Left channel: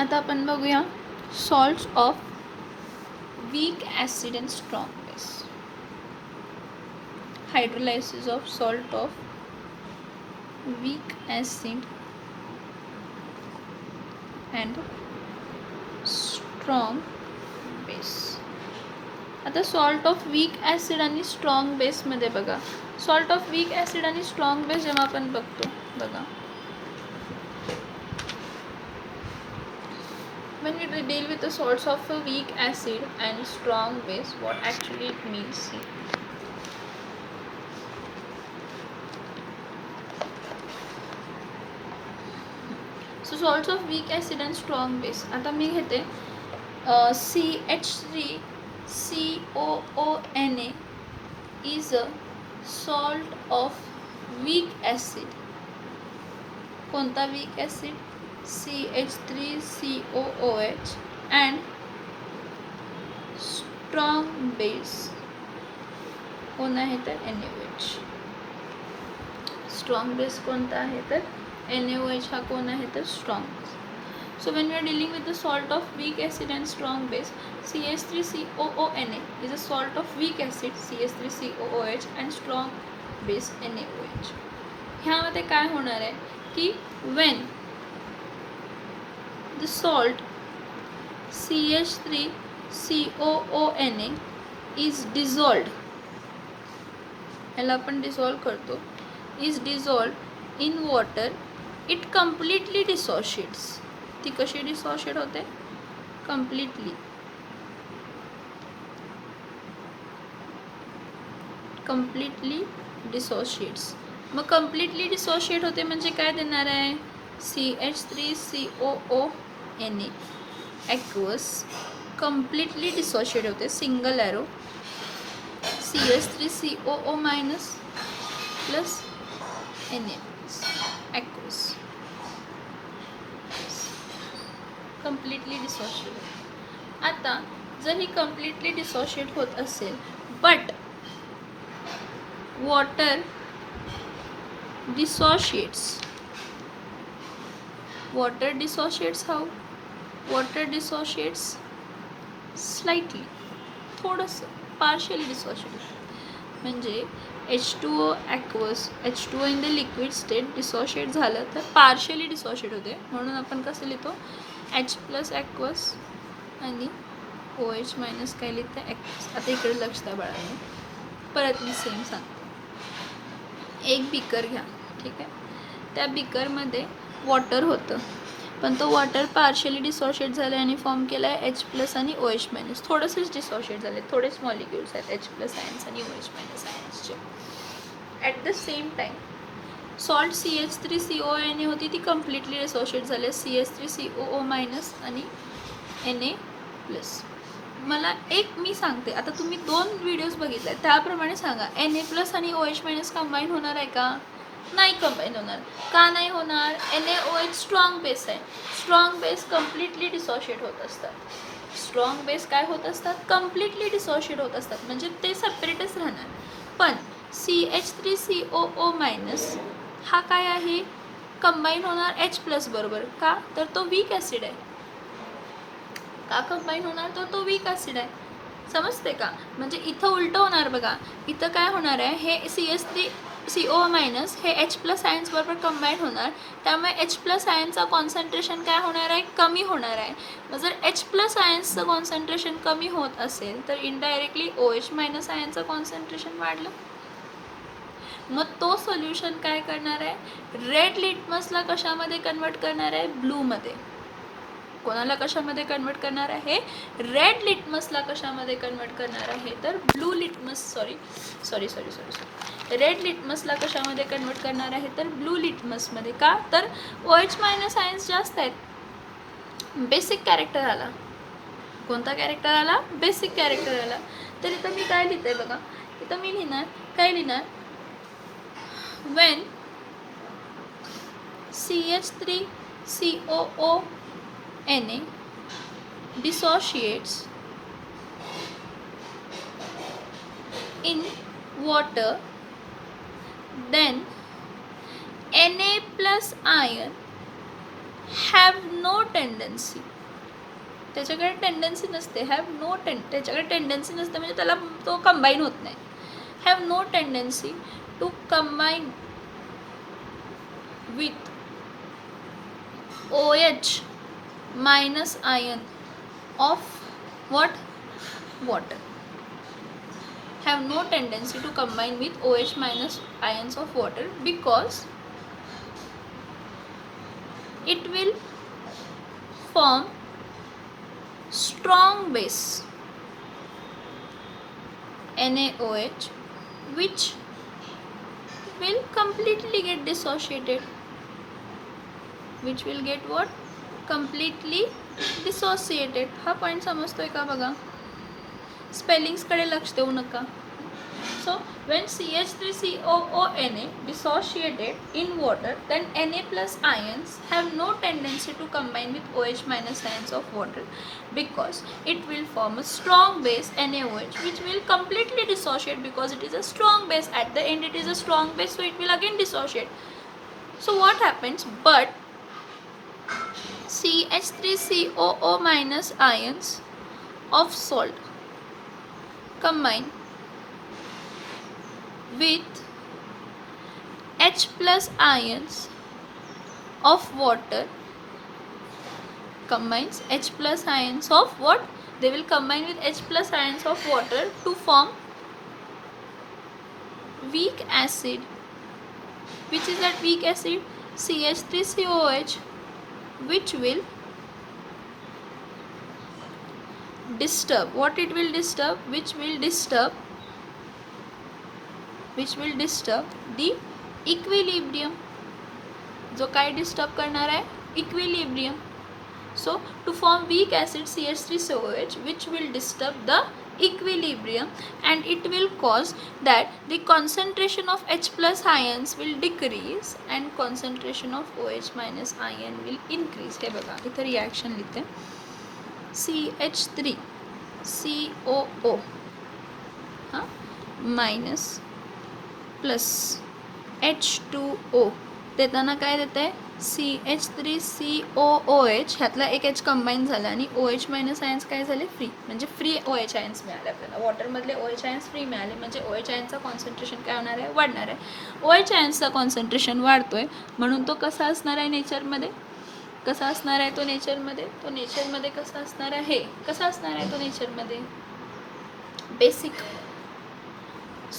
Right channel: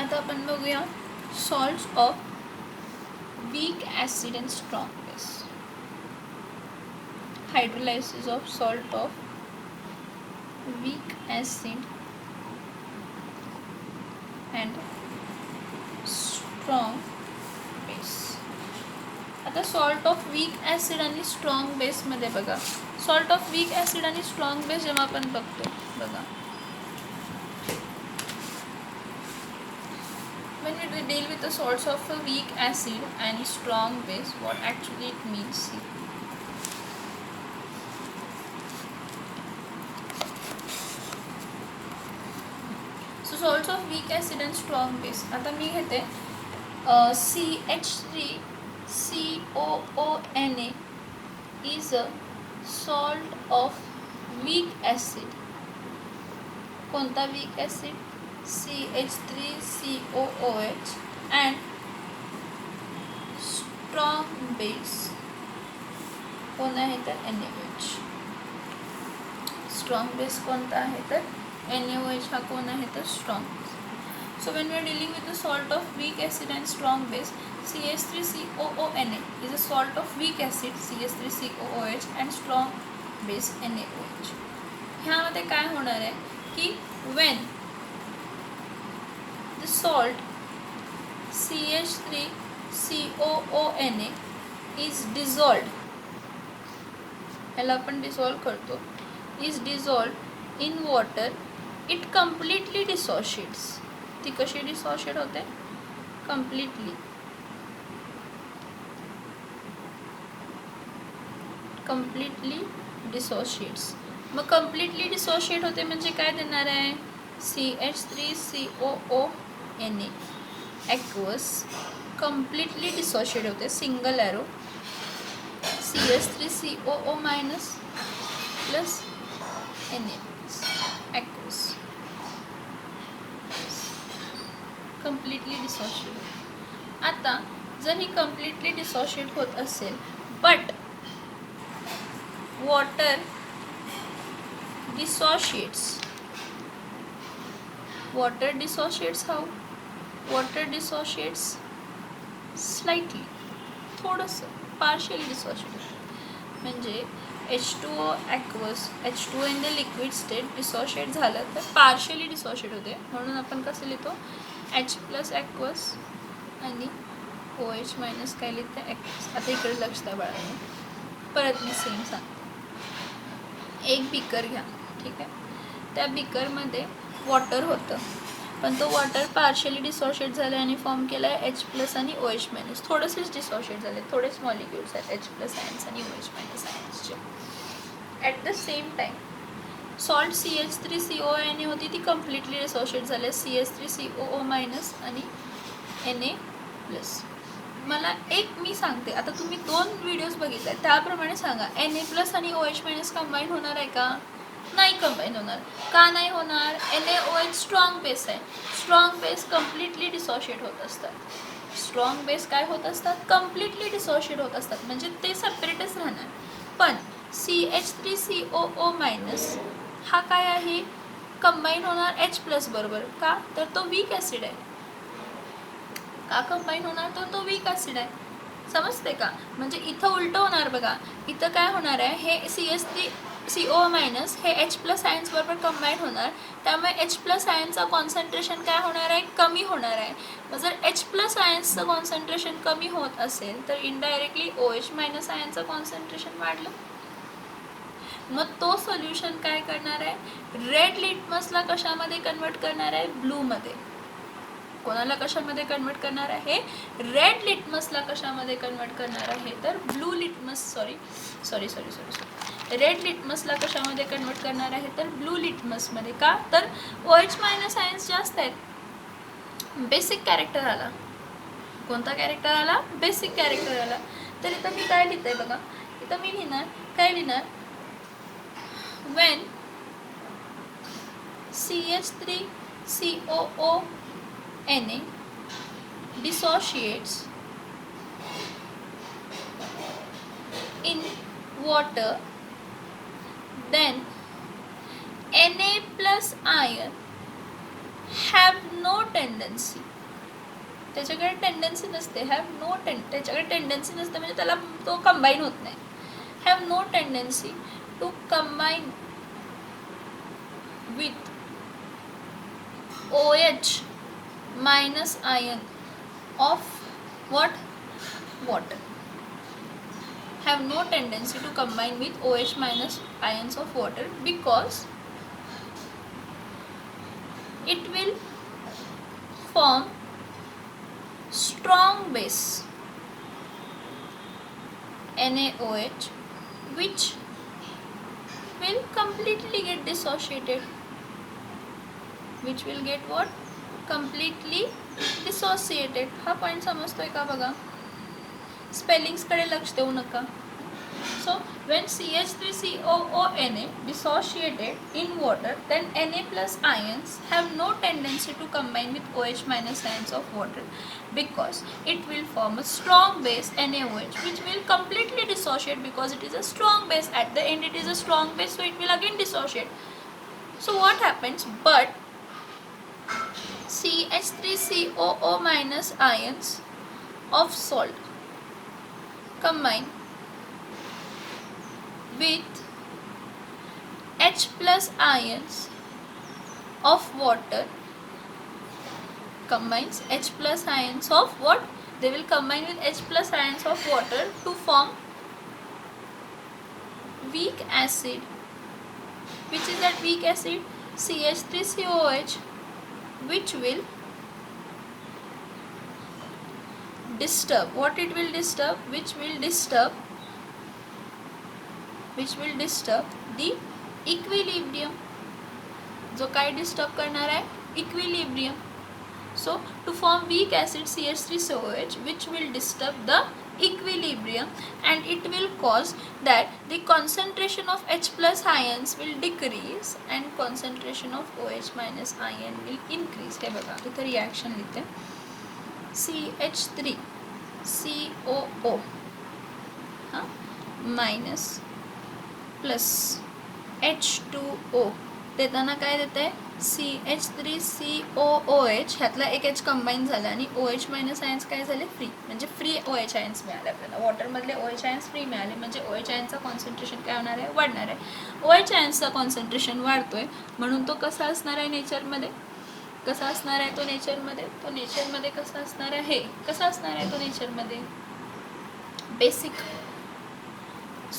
आता आपण बघूया salts of weak acid and strong base. Hydrolysis of salt of weak acid and strong base. आता salt of weak acid आणि strong बेसमध्ये बघा, सॉल्ट ऑफ वीक ॲसिड आणि strong base जेव्हा आपण बघतो बघा, when you deal with the salts of a weak acid and strong base, what actually it means. See. So salts of weak acid and strong base. आता मी घेते CH3COONA is a salt of weak acid. कोणता weak acid? CH3COOH and strong base कोण आहे तर NaOH. Strong base कोणता आहे तर NaOH हा कोण आहे तर strong. So when we are dealing with the salt of weak acid and strong base, CH3COONA is a salt of weak acid CH3COOH and strong base NaOH. ह्यामध्ये काय होणार आहे की when the salt CH3COONA is dissolved, ह्याला आपण dissolve करतो, is dissolved in water, it completely dissociates. ती कशी डिसोशिएट होते? completely dissociates. मग completely dissociate होते म्हणजे काय देणार आहे? CH3COONA aqueous completely dissociate होते, single arrow CH3COO minus plus Na aqueous completely dissociate. आता जर ही completely dissociate होत असेल but water dissociates how? Water dissociates slightly, थोडंसं partially dissociate. म्हणजे H2O aqueous, H2O in the liquid state dissociate झालं तर partially dissociate होते, म्हणून आपण कसं लिहितो H plus aqueous आणि OH minus काय लिहितं aqueous. आता इकडे लक्ष द्या बाळांनो, परत मी सेम सांगते. एक बीकर घ्या, ठीक आहे, त्या बीकरमध्ये वॉटर होतं पण तो वॉटर पार्शियली डिसोशिएट झाला आणि फॉर्म केला आहे H प्लस आणि OH मायनस. थोडेसेच डिसोशिएट झाले, थोडेच मॉलिक्युल्स आहेत H प्लस आयन्स आणि OH मायनस आयन्सचे. At the same time salt CH3CONA होती ती कम्प्लिटली डिसोशिएट झाले CH3COO मायनस आणि Na प्लस. मला एक मी सांगते, आता तुम्ही 2 व्हिडिओज बघितले त्याप्रमाणे सांगा, Na प्लस आणि OH मायनस कंबाईन होणार आहे का? नाही कंबाईन होणार. का नाही होणार? NaOH स्ट्रॉंग बेस आहे, स्ट्रॉंग बेस कम्प्लिटली डिसोशिएट होत असतात. स्ट्रॉंग बेस काय होत असतात? कम्प्लिटली डिसोशिएट होत असतात, म्हणजे ते सेपरेटच राहणार. पण CH3COO मायनस हा काय आहे? कंबाईन होणार H प्लस बरोबर. का तर तो वीक ॲसिड आहे. का कंबाईन होणार तर तो वीक ॲसिड आहे. समजते का? म्हणजे इथं उलटं होणार बघा, इथं काय होणार आहे, हे CH3CO मायनस हे H प्लस आयन्स बरोबर कंबाईन होणार, त्यामुळे H प्लस आयन्सचा कॉन्सन्ट्रेशन काय होणार आहे? कमी होणार आहे. मग जर H प्लस आयन्सचं कॉन्सन्ट्रेशन कमी होत असेल तर इनडायरेक्टली OH मायनस आयन्सचं कॉन्सन्ट्रेशन वाढलं. मग तो सोल्युशन काय करणार आहे? रेड लिटमसला कशामध्ये कन्वर्ट करणार आहे? ब्लूमध्ये. कोणाला कशामध्ये कन्वर्ट करणार आहे? रेड लिटमसला कशामध्ये कन्वर्ट करणार आहे तर ब्लू लिटमस सॉरी रेड लिटमसला कशामध्ये कन्वर्ट करणार आहे तर ब्लू लिटमसमध्ये. का तर OH मायनस आयन्स जास्त आहेत. बेसिक कॅरेक्टर आला. कोणता कॅरेक्टर आला? बेसिक कॅरेक्टर आला. तर इथं मी काय लिहिते बघा, इथं मी लिहिणार काय लिहिणार, when CH3COONA dissociates in water, then Na plus ion have no tendency, त्याच्याकडे टेंडन्सी नसते, त्याच्याकडे टेंडन्सी नसते म्हणजे त्याला तो कंबाईन होत नाही. Have no tendency to combine with OH minus ion of what? Water. Have no tendency to combine with OH minus ions of water because it will form strong base NaOH, which will completely get dissociated. Which will get what? Completely dissociated. हा point समजतोय का बघा. Spellings कडे लक्ष देऊ नका. So when CH3COONA dissociated in water, then Na plus ions have no tendency to combine with OH minus ions of water because it will form a strong base NaOH, which will completely dissociate because it is a strong base. At the end it is a strong base, so it will again dissociate. So what happens? But CH3COO minus ions of salt combine with H plus ions of water. Combines H plus ions of what? They will combine with H plus ions of water to form weak acid. Which is that weak acid? CH3COH, which will disturb. What it will disturb? Which will disturb the equilibrium. जो काय disturb करणार आहे? Equilibrium. So to form weak acid CH3COH, which will disturb the equilibrium, and it will cause that the concentration of H plus ions will decrease and concentration of OH minus ion will increase. हे बघा इथे reaction लिहिते. CH3COO minus plus H2O देताना काय देते? CH3COOH ह्यातला एक H combine झाला आणि OH मायनस आयन्स काय झाले? फ्री. म्हणजे फ्री OH आयन्स मिळाले आपल्याला. वॉटरमधले OH आयन्स फ्री मिळाले म्हणजे OH आयन्सचं कॉन्सन्ट्रेशन काय होणार आहे? वाढणार आहे. OH आयन्सचं कॉन्सन्ट्रेशन वाढतोय म्हणून तो कसा असणार आहे नेचरमध्ये? कसा असणार आहे तो नेचरमध्ये? तो नेचरमध्ये कसा असणार आहे? कसा असणार आहे तो नेचरमध्ये? Basic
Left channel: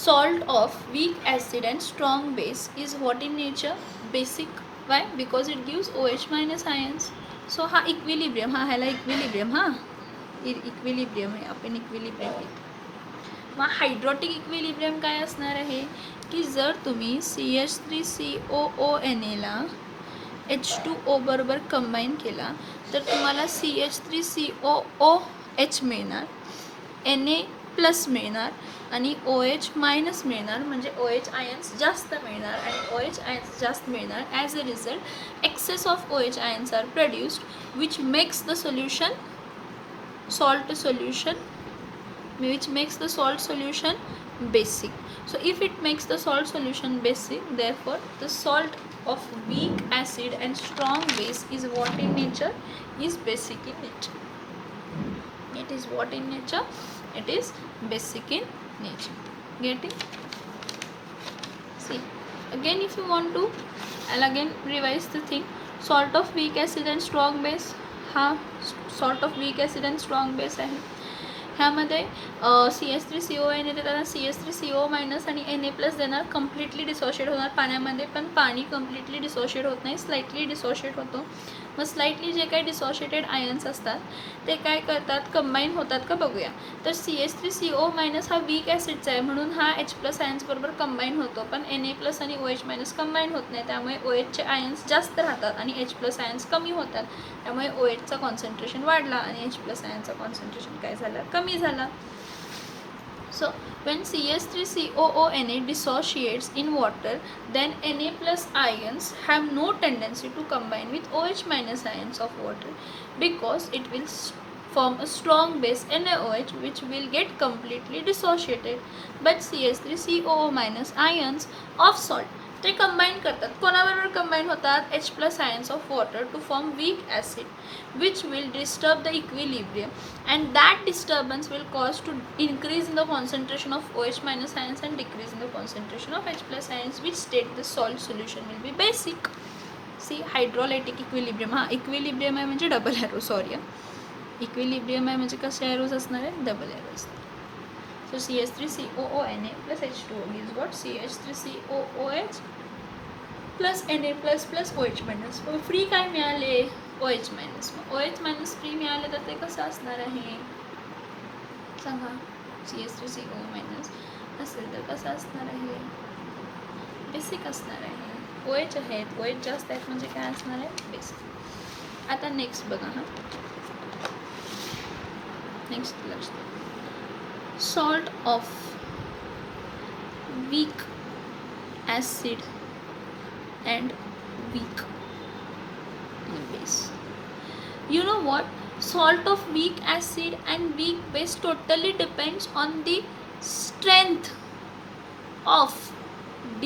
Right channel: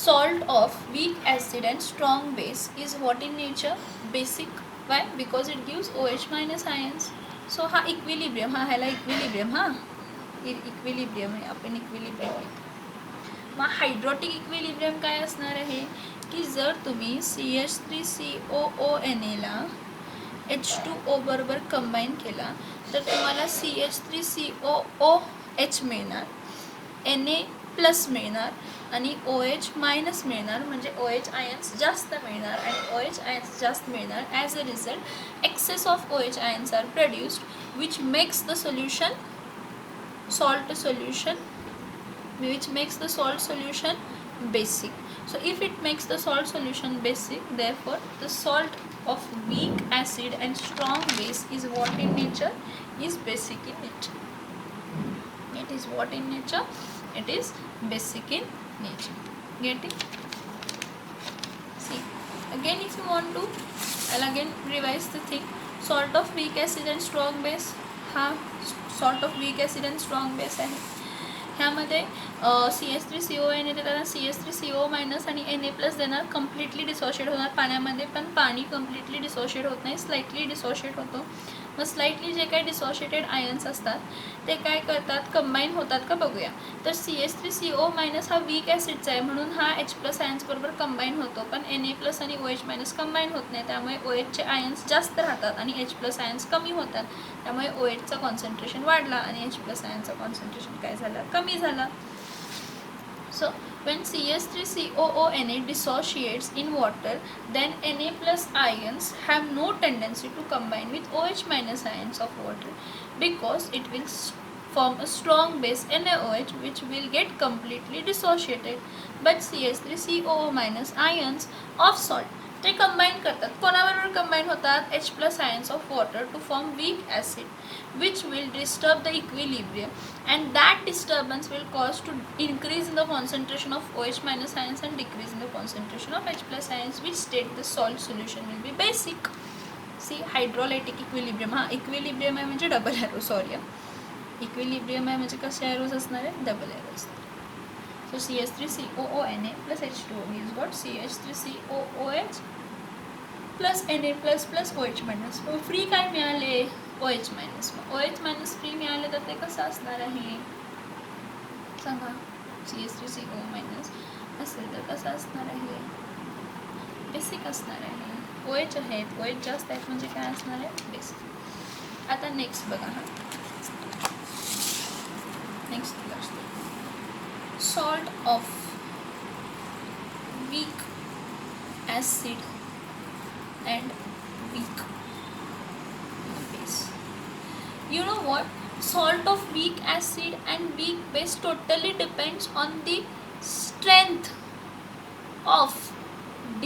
salt of weak acid and strong base is what in nature? Basic. Why? Because it gives OH minus ions. So हा equilibrium, हा ह्याला equilibrium, हा equilibrium आहे, आपण equilibrium आहे. मग हायड्रोटिक इक्विलिब्रियम काय असणार आहे की जर तुम्ही CH3COONA ला H2O बरोबर कंबाईन केला तर तुम्हाला CH3COOH मिळणार, Na प्लस मिळणार आणि OH मायनस मिळणार म्हणजे OH आयन्स जास्त मिळणार आणि OH आयन्स जास्त मिळणार. As a result excess of OH ions are produced which makes the solution salt solution, which makes the salt solution basic. So if it makes the salt solution basic, therefore the salt of weak acid and strong base is what in nature? Is basic in nature. It is what in nature? It is basic in nature. Get it? See, again if you want to, I'll again revise the thing. Salt of weak acid and strong base, हा salt of weak acid and strong base आहे. ह्यामध्ये CH3CON येते त्याला CH3CO minus आणि Na plus देणार. Completely dissociate होणार पाण्यामध्ये, पण पाणी कम्प्लिटली डिसोशिएट होत नाही, स्लाइटली डिसोशिएट होतो. मग स्लाइटली जे काही डिसोशिएटेड आयन्स असतात ते काय करतात? कंबाईन होतात का बघूया. तर CH3CO मायनस हा वीक ॲसिडचा आहे म्हणून हा H प्लस आयन्स बरोबर कंबाईन होतो, पण Na प्लस आणि OH मायनस कंबाईन होत नाही. त्यामुळे OHचे आयन्स जास्त राहतात आणि H प्लस आयन्स कमी होतात. त्यामुळे OHचा कॉन्सन्ट्रेशन वाढला आणि H प्लस आयनचं कॉन्सन्ट्रेशन काय झालं? कमी झालं. So when CH3COONA dissociates in water, then Na plus ions have no tendency to combine with OH minus ions of water because it will form a strong base NaOH, which will get completely dissociated. But CH3COO minus ions of salt ते combine करतात. कोणाबरोबर combine होतात? H plus ions of water to form weak acid which will disturb the equilibrium, and that disturbance will cause to increase in the concentration of OH minus ions and decrease in the concentration of H plus ions, which state the salt solution will be basic. See hydrolytic equilibrium. हा equilibrium आहे म्हणजे double arrow, sorry equilibrium आहे म्हणजे कसे arrows असणार आहे? Double arrow असणार. So CH3COONA plus H2O gives what? CH3COOH plus Na plus plus OH minus. Free काय मिळाले? OH minus. OH minus free मिळाले तर ते कसं असणार आहे? सांगा. CH3CO minus असेल तर कसं असणार आहे? बेसिक असणार आहे. OH आहेत, OH जास्त आहेत म्हणजे काय असणार आहे? बेसिक. आता नेक्स्ट बघा. हा नेक्स्ट लक्ष द्या. Salt of weak acid and weak base. You know what? Salt of weak acid and weak base totally depends on the strength of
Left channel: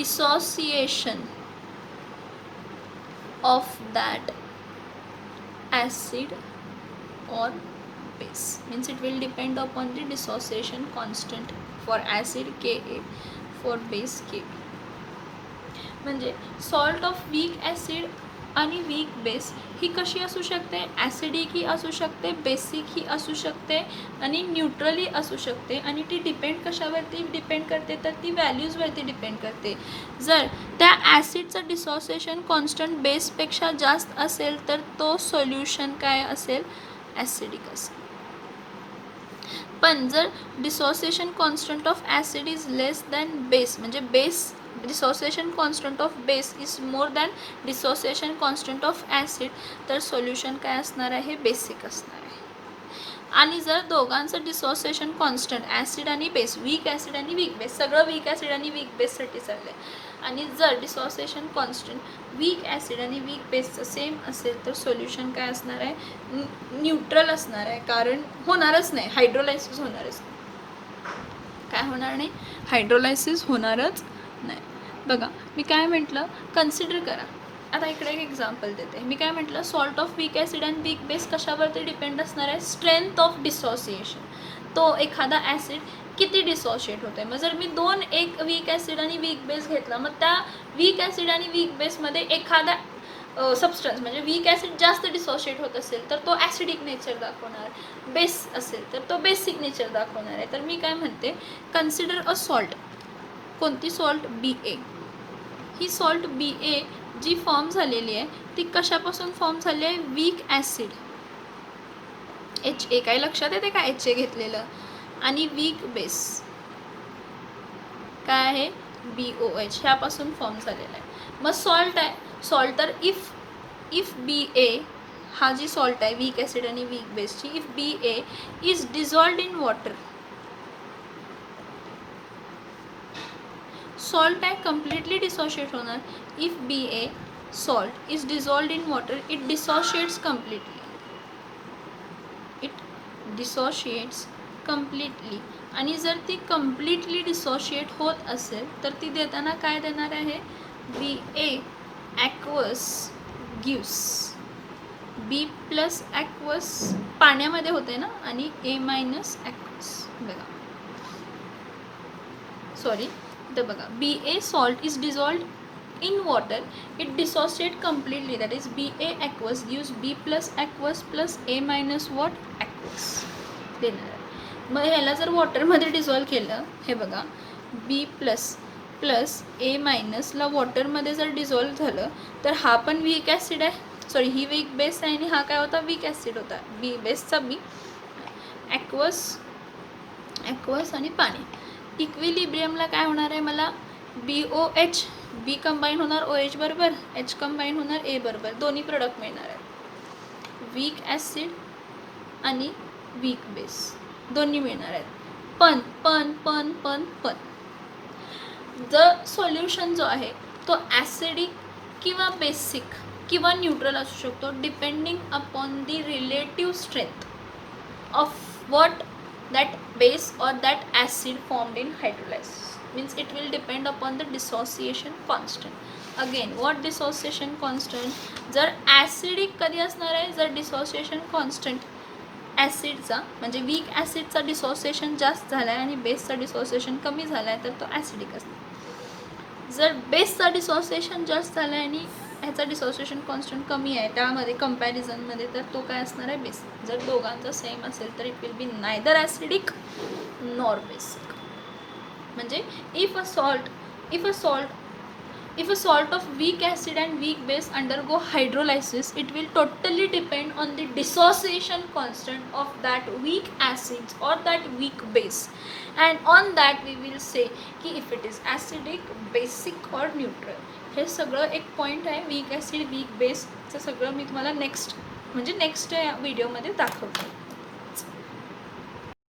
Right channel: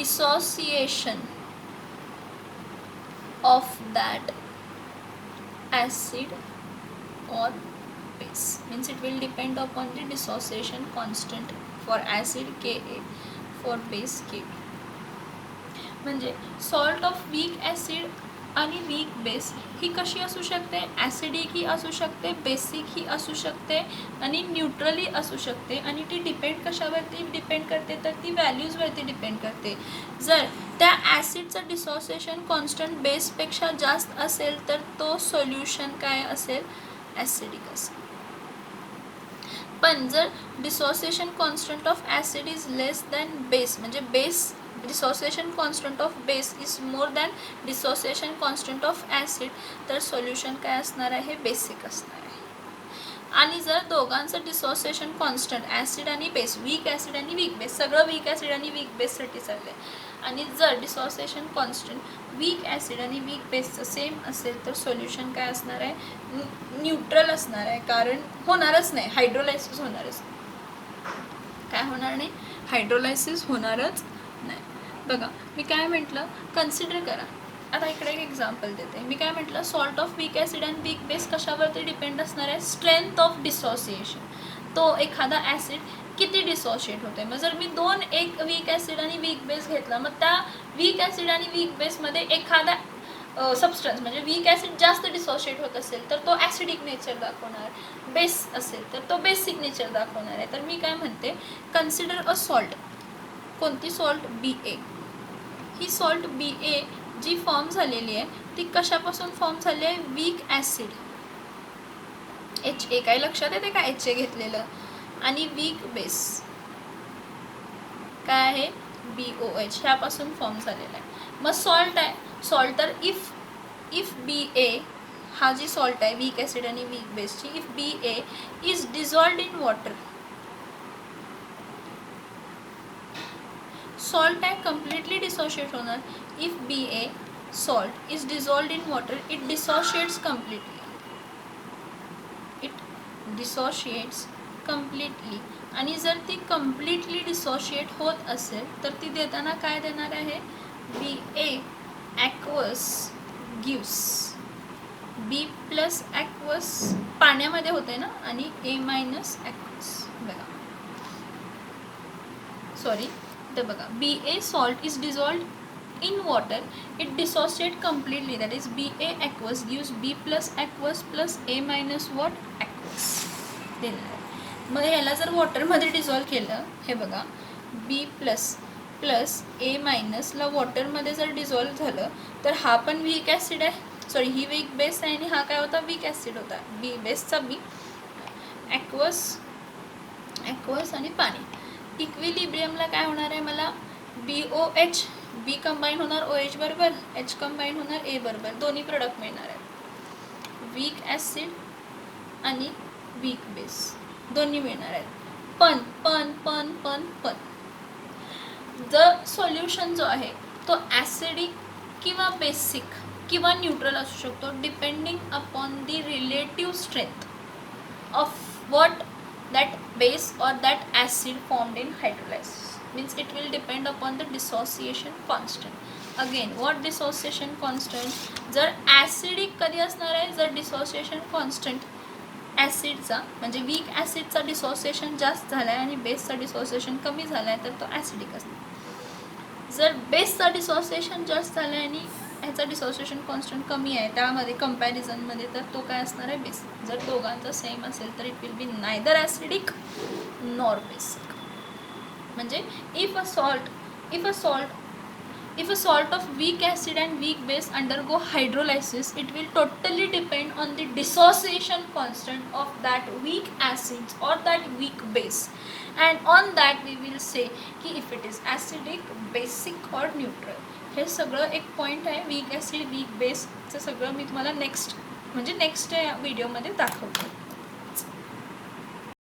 dissociation of that acid or base. Means it will depend upon the dissociation constant for acid Ka, for base K. म्हणजे salt of weak acid आणि weak base ही कशी असू शकते? Acidic ही असू शकते, basic ही असू शकते आणि न्यूट्रली असू शकते. आणि ती डिपेंड कशावरती डिपेंड करते? तर ती व्हॅल्यूजवरती डिपेंड करते. जर त्या ॲसिडचं डिसोसिएशन कॉन्स्टंट बेसपेक्षा जास्त असेल तर तो सोल्युशन काय असेल? ॲसिडिक असेल. पण जर dissociation constant of acid is less than base, म्हणजे base dissociation constant of base is more than dissociation constant of acid, तर सोल्युशन काय असणार आहे? बेसिक असणार आहे. आणि जर दोघांचं डिसोसिएशन कॉन्स्टंट ॲसिड आणि बेस, वीक ॲसिड आणि वीक बेस, सगळं वीक ॲसिड आणि वीक बेससाठी चाललं आहे, आणि जर डिसोसिएशन कॉन्स्टंट वीक ॲसिड आणि वीक बेसचं सेम असेल तर सोल्युशन काय असणार आहे? न्यूट्रल असणार आहे. कारण होणारच नाही, हायड्रोलायसिस होणारच नाही. काय होणार नाही? हायड्रोलायसिस होणारच नाही. बघा मी काय म्हटलं, कन्सिडर करा. आता इकडे एक एक्झाम्पल देते. मी काय म्हटलं, salt of weak acid and weak base कशावरती डिपेंड असणार आहे? Strength of dissociation. तो एखादा ॲसिड किती डिसोशिएट होतो आहे. मग जर मी एक वीक ॲसिड आणि वीक बेस घेतला, मग त्या वीक ॲसिड आणि वीक बेसमध्ये एखादा सबस्टन्स म्हणजे वीक ॲसिड जास्त डिसोशिएट होत असेल तर तो ॲसिडिक नेचर दाखवणार, बेस असेल तर तो बेसिक नेचर दाखवणार आहे. तर मी काय म्हणते, कन्सिडर अ सॉल्ट. कोणती सॉल्ट? BA. ही सॉल्ट BA जी फॉर्म झालेली आहे ती कशापासून फॉर्म झाली आहे? Weak acid HA. काय लक्षात येते का? HA घेतलेलं. आणि वीक बेस काय आहे? BOH. ह्यापासून फॉर्म झालेला आहे. मग सॉल्ट आहे. सॉल्ट तर इफ BA हा जी सॉल्ट आहे वीक ॲसिड आणि वीक बेसची, if BA is dissolved in water, salt आहे कम्प्लिटली डिसोशिएट होणार. If BA salt is dissolved in water, it dissociates completely. It dissociates completely. आणि जर ती कम्प्लिटली डिसोशिएट होत असेल तर ती देताना काय देणार आहे? BA ॲक्वस गिव्स B प्लस ॲक्वस, पाण्यामध्ये होते ना, आणि A मायनस ॲक्वस. बघा सॉरी, तर बघा BA salt is dissolved in water, it dissociate completely, that is BA aqueous gives B plus aqueous plus A minus what? Aqueous देणार. मग ह्याला जर वॉटरमध्ये डिझॉल्व केलं, हे बघा B प्लस प्लस A मायनसला वॉटरमध्ये जर डिझॉल्व झालं तर हा पण वीक ॲसिड आहे, सॉरी ही वीक बेस आहे आणि हा काय होता? वीक ॲसिड होता. B बेसचा B, ॲक्वस आणि पाणी. इक्विलिब्रियमला काय होणार आहे? मला BOH, B कंबाईन होणार OH बरोबर, H कंबाईन होणार A बरोबर, दोन्ही प्रोडक्ट मिळणार आहेत. वीक ॲसिड आणि वीक बेस दोन्ही मिळणार आहेत. पण पण पण पण पण जर सोल्युशन जो आहे तो ॲसिडिक किंवा बेसिक किंवा न्यूट्रल असू शकतो, depending upon the relative strength of what that base or that acid formed in hydrolysis. means it will depend upon the dissociation constant. Again what dissociation constant, जर acidic कधी असणार आहे, जर dissociation constant ॲसिडचा म्हणजे weak ॲसिडचा dissociation जास्त झाला आहे आणि बेसचा डिसोसिएशन कमी झाला आहे तर तो ॲसिडिक असतो. जर बेसचा डिसोसिएशन जास्त झाला आहे आणि ह्याचा डिसोसिएशन कॉन्स्टंट कमी आहे त्यामध्ये कंपॅरिझनमध्ये, तर तो काय असणार आहे, बेस. जर दोघांचा सेम असेल तर it will be neither acidic nor basic. म्हणजे if a salt of weak acid and weak base undergo hydrolysis, it will totally depend on the dissociation constant of that weak acid or that weak base, and on that we will say ki if it is acidic, basic or neutral. हे सगळं एक point आहे weak acid weak बेसचं, सगळं मी तुम्हाला next व्हिडिओमध्ये दाखवते.